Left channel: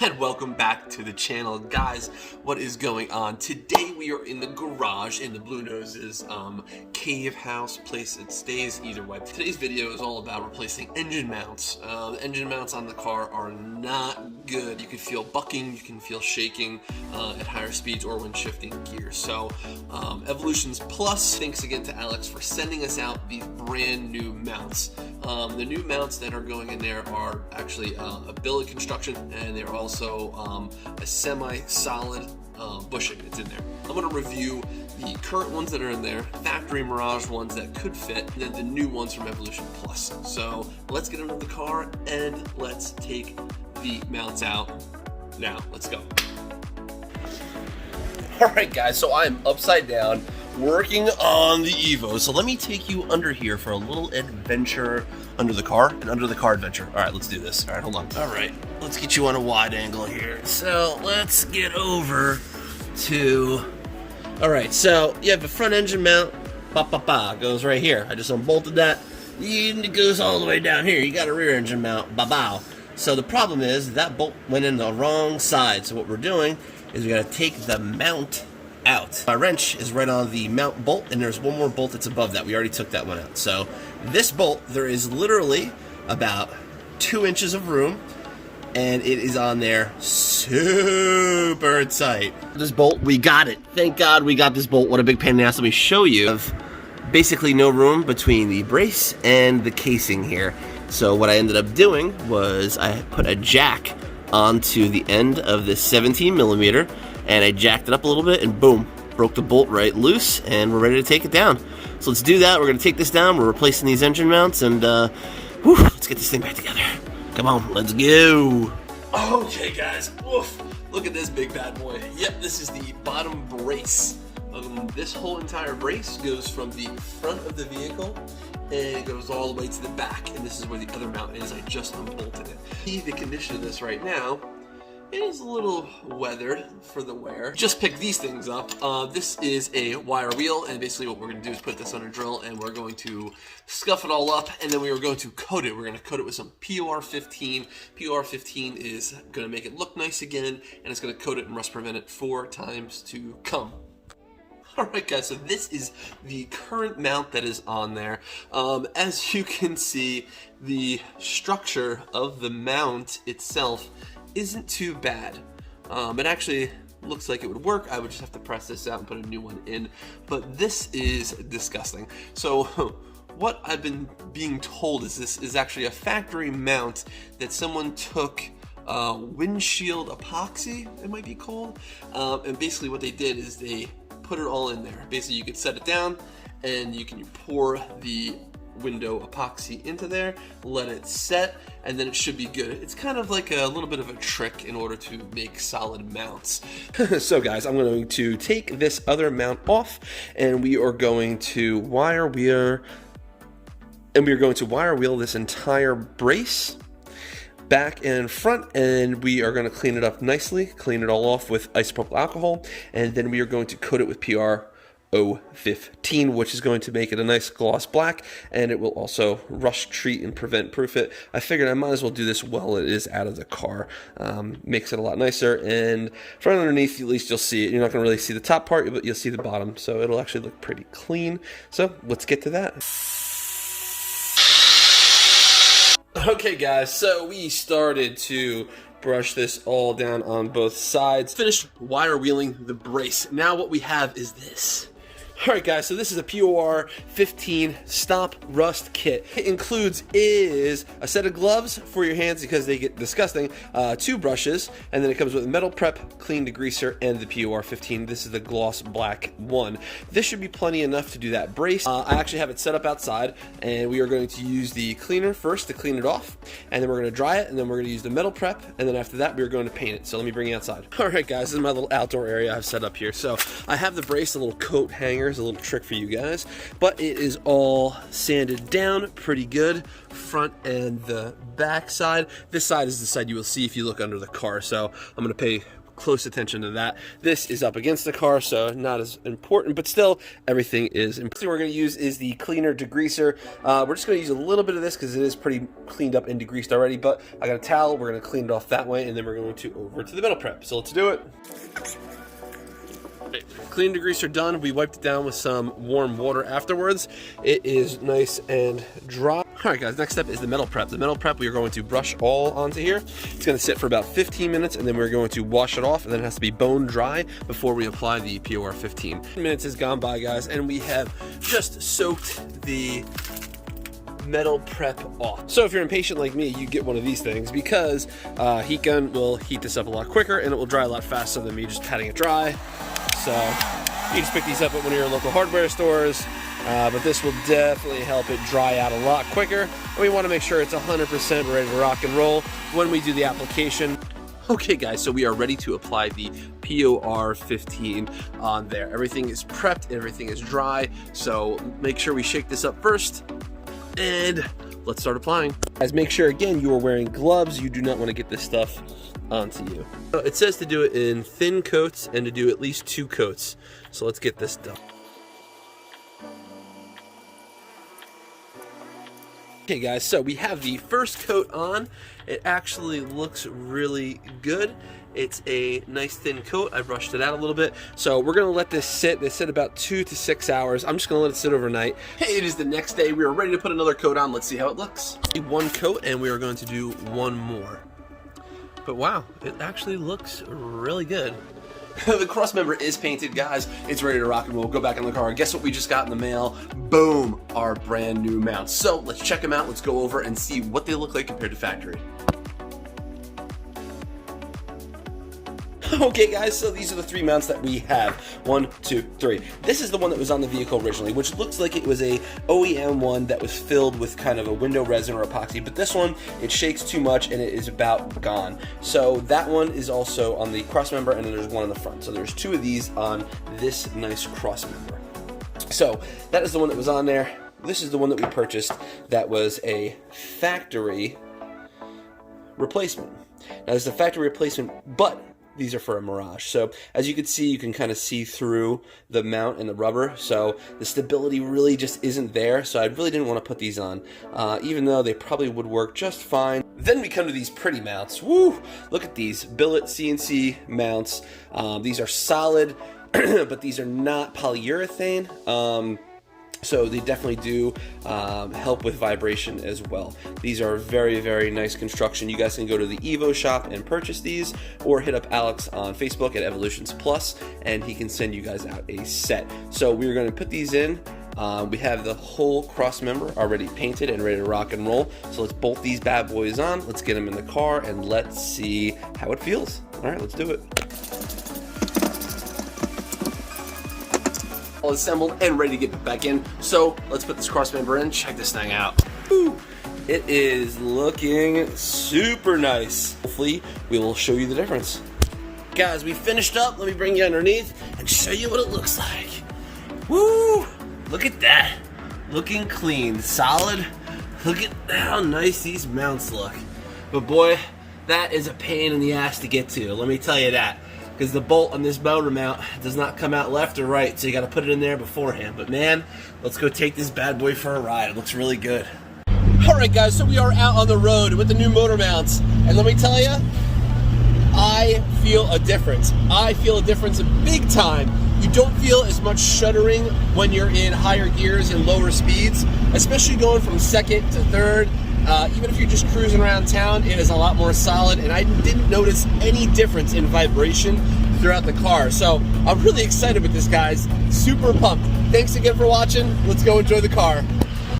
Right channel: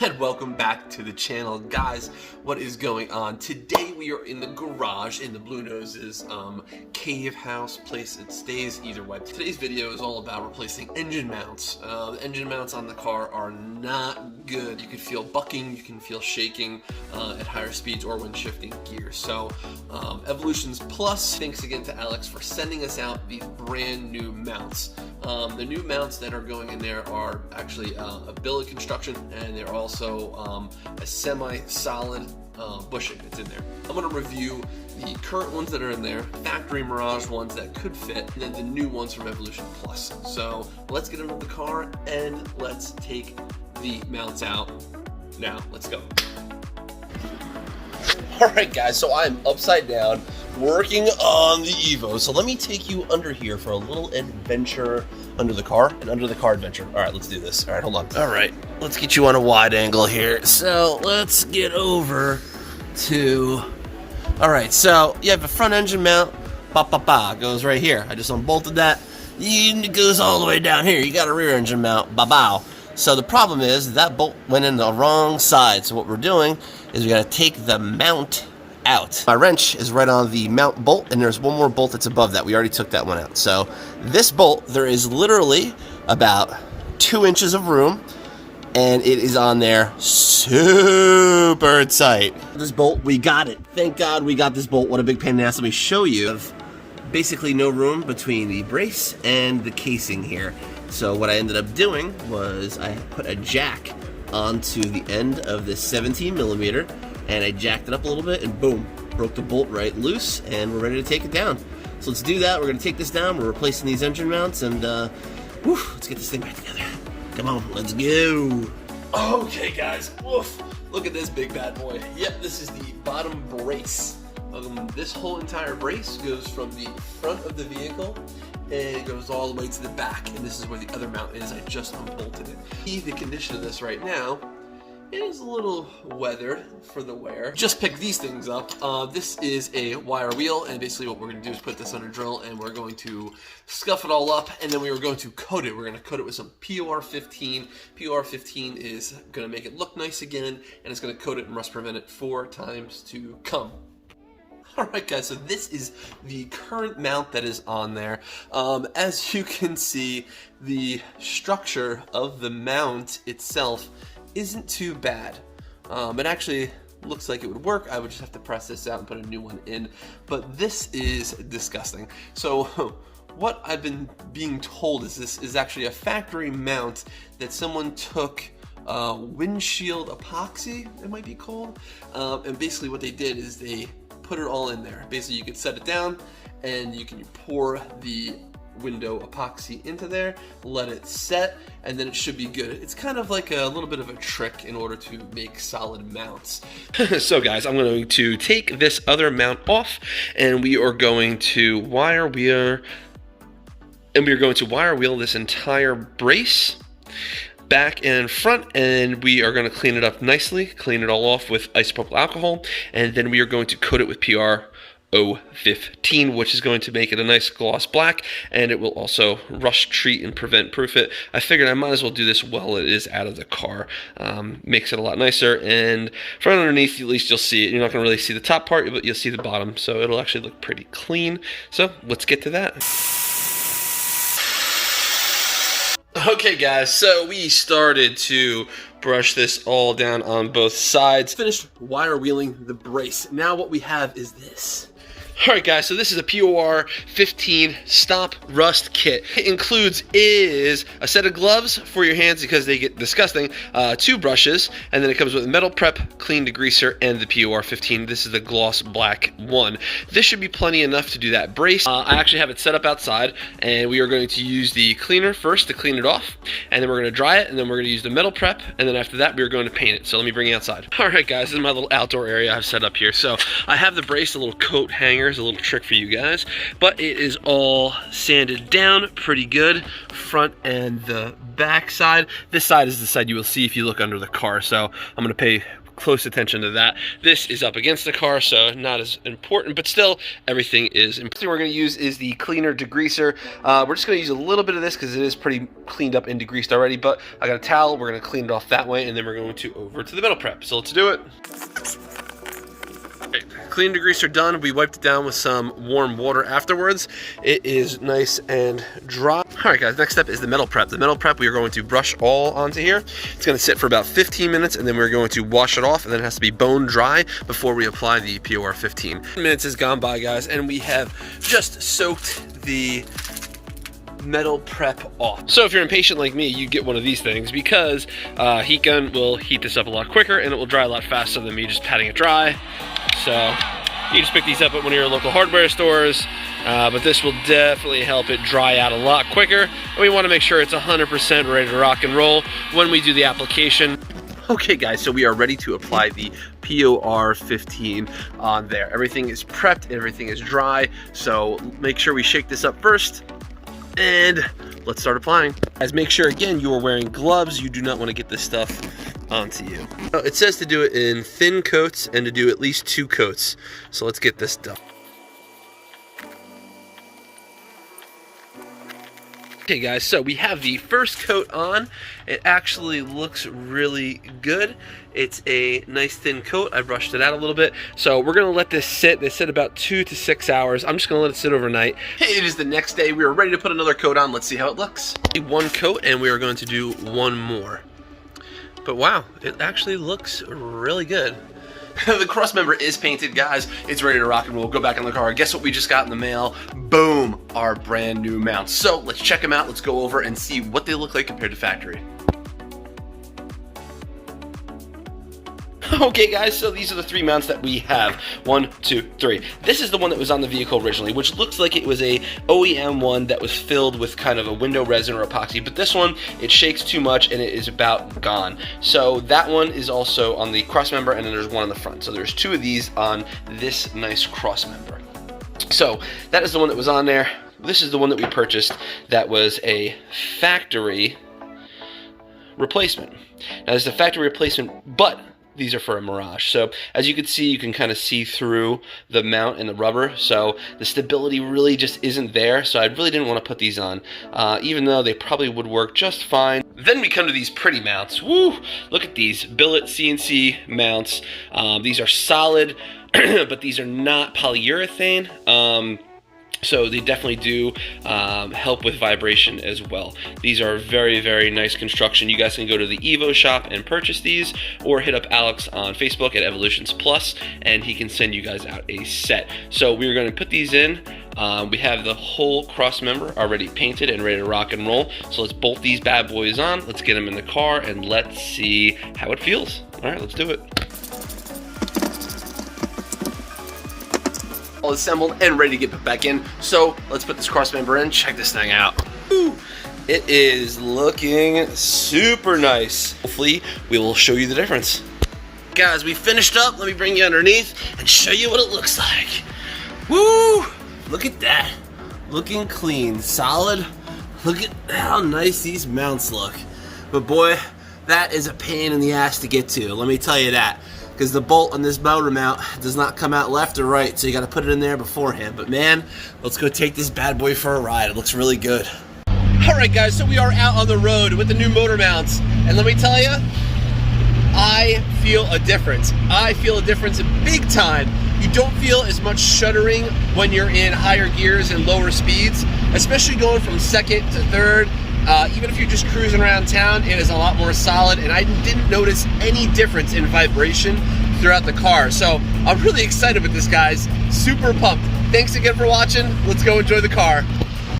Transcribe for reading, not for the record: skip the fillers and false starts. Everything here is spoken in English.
And welcome back to the channel, guys. What is going on? Today we are in the garage in the Blue Noses cave house place. It stays either way. Today's video is all about replacing engine mounts. The engine mounts on the car are not good. You can feel bucking, you can feel shaking at higher speeds or when shifting gears. So Evolutions Plus, thanks again to Alex for sending us out these brand new mounts. The new mounts that are going in there are actually a billet construction, and they're also a semi-solid bushing that's in there. I'm going to review the current ones that are in there, factory Mirage ones that could fit, and then the new ones from Evolution Plus. So let's get into the car and let's take the mounts out. Now, let's go. Alright guys, so I'm upside down working on the Evo. So let me take you under here for a little adventure under the car, an under the car adventure. Alright, let's do this. Alright, hold on. Alright, let's get you on a wide angle here. So let's get over to... Alright, so you have a front engine mount, goes right here. I just unbolted that. It goes all the way down here. You got a rear engine mount, ba-bow. So the problem is that bolt went in the wrong side. So what we're doing is we gotta take the mount out. My wrench is right on the mount bolt, and there's one more bolt that's above that. We already took that one out. So this bolt, there is literally about 2 inches of room, and it is on there super tight. This bolt, we got it. Thank God we got this bolt. What a big pain in the ass. Let me show you. Of basically no room between the brace and the casing here. So what I ended up doing was I put a jack onto the end of this 17 millimeter, and I jacked it up a little bit, and boom, broke the bolt right loose, and we're ready to take it down. So let's do that. We're gonna take this down. We're replacing these engine mounts, and let's get this thing back together. Come on, let's go. Okay guys, woof. Look at this big bad boy. Yep, this is the bottom brace. This whole entire brace goes from the front of the vehicle and it goes all the way to the back, and this is where the other mount is. I just unbolted it. The condition of this right now is a little weathered for the wear. Just picked these things up. This is a wire wheel, and basically what we're going to do is put this on a drill, and we're going to scuff it all up, and then we are going to coat it. We're going to coat it with some POR 15. POR 15 is going to make it look nice again, and it's going to coat it and rust prevent it 4 times to come. Alright guys, so this is the current mount that is on there. As you can see, the structure of the mount itself isn't too bad. It actually looks like it would work. I would just have to press this out and put a new one in, but this is disgusting. So what I've been being told is this is actually a factory mount that someone took windshield epoxy, it might be called, and basically what they did is they put it all in there. Basically you could set it down and you can pour the window epoxy into there, let it set, and then it should be good. It's kind of like a little bit of a trick in order to make solid mounts. So guys, I'm going to take this other mount off, and we are going to wire wheel, this entire brace back and front, and we are going to clean it up nicely, clean it all off with isopropyl alcohol, and then we are going to coat it with PR 015, which is going to make it a nice gloss black, and it will also rust treat and prevent proof it. I figured I might as well do this while it is out of the car. Makes it a lot nicer, and from underneath at least you'll see it. You're not going to really see the top part, but you'll see the bottom, so it'll actually look pretty clean. So let's get to that. Okay guys, so we started to brush this all down on both sides. Finished wire wheeling the brace. Now what we have is this. Alright guys, so this is a POR 15 Stop Rust Kit. It includes a set of gloves for your hands because they get disgusting, 2 brushes, and then it comes with a metal prep, clean degreaser, and the POR 15. This is the gloss black one. This should be plenty enough to do that brace. I actually have it set up outside, and we are going to use the cleaner first to clean it off, and then we're going to dry it, and then we're going to use the metal prep, and then after that we are going to paint it. So let me bring you outside. Alright guys, this is my little outdoor area I've set up here. So I have the brace, a little coat hanger, a little trick for you guys, but it is all sanded down pretty good, front and the back side. This side is the side you will see if you look under the car, so I'm going to pay close attention to that. This is up against the car, so not as important, but still, everything is important. The thing we're going to use is the cleaner degreaser. We're just going to use a little bit of this because it is pretty cleaned up and degreased already, but I got a towel. We're going to clean it off that way, and then we're going to over to the metal prep. So let's do it. Clean degreaser done. We wiped it down with some warm water afterwards. It is nice and dry. All right, guys, next step is the metal prep. The metal prep we are going to brush all onto here. It's going to sit for about 15 minutes, and then we're going to wash it off, and then it has to be bone dry before we apply the POR 15. 10 minutes has gone by, guys, and we have just soaked the metal prep off. So if you're impatient like me, you get one of these things because heat gun will heat this up a lot quicker, and it will dry a lot faster than me just patting it dry. So you just pick these up at one of your local hardware stores, but this will definitely help it dry out a lot quicker. And we want to make sure it's 100% ready to rock and roll when we do the application. Okay, guys, so we are ready to apply the POR 15 on there. Everything is prepped, everything is dry, so make sure we shake this up first, and let's start applying. Guys, make sure, again, you are wearing gloves. You do not want to get this stuff onto you. It says to do it in thin coats and to do at least 2 coats. So let's get this done. Okay, guys, so we have the first coat on. It actually looks really good. It's a nice thin coat. I brushed it out a little bit. So we're gonna let this sit. They said about 2 to 6 hours. I'm just gonna let it sit overnight. Hey, it is the next day. We are ready to put another coat on. Let's see how it looks. 1 coat, and we are going to do 1 more. But wow, it actually looks really good. The cross member is painted, guys. It's ready to rock and roll. Go back in the car. Guess what we just got in the mail? Boom, our brand new mounts. So let's check them out. Let's go over and see what they look like compared to factory. Okay, guys, so these are the 3 mounts that we have. 1, 2, 3. This is the one that was on the vehicle originally, which looks like it was a OEM one that was filled with kind of a window resin or epoxy, but this one, it shakes too much and it is about gone. So that one is also on the cross member, and then there's one on the front. So there's 2 of these on this nice cross member. So that is the one that was on there. This is the one that we purchased that was a factory replacement. Now, this is a factory replacement, but these are for a Mirage. So as you can see, you can kind of see through the mount and the rubber. So the stability really just isn't there. So I really didn't want to put these on, even though they probably would work just fine. Then we come to these pretty mounts. Woo! Look at these Billet CNC mounts. These are solid, but these are not polyurethane. So they definitely do help with vibration as well. These are very, very nice construction. You guys can go to the Evo shop and purchase these, or hit up Alex on Facebook at Evolutions Plus, and he can send you guys out a set. So we're going to put these in. We have the whole cross member already painted and ready to rock and roll. So let's bolt these bad boys on. Let's get them in the car and let's see how it feels. All right, let's do it. All assembled and ready to get put back in. So let's put this cross member in. Check this thing out. Woo. It is looking super nice. Hopefully we will show you the difference. Guys, we finished up. Let me bring you underneath and show you what it looks like. Woo! Look at that. Looking clean, solid. Look at how nice these mounts look. But boy, that is a pain in the ass to get to. Let me tell you that. Because the bolt on this motor mount does not come out left or right, so you got to put it in there beforehand. But man, let's go take this bad boy for a ride. It looks really good. All right, guys, so we are out on the road with the new motor mounts, and let me tell you, I feel a difference. I feel a difference big time. You don't feel as much shuddering when you're in higher gears and lower speeds, especially going from second to third. Even if you're just cruising around town, it is a lot more solid, and I didn't notice any difference in vibration throughout the car. So I'm really excited with this, guys. Super pumped. Thanks again for watching. Let's go enjoy the car.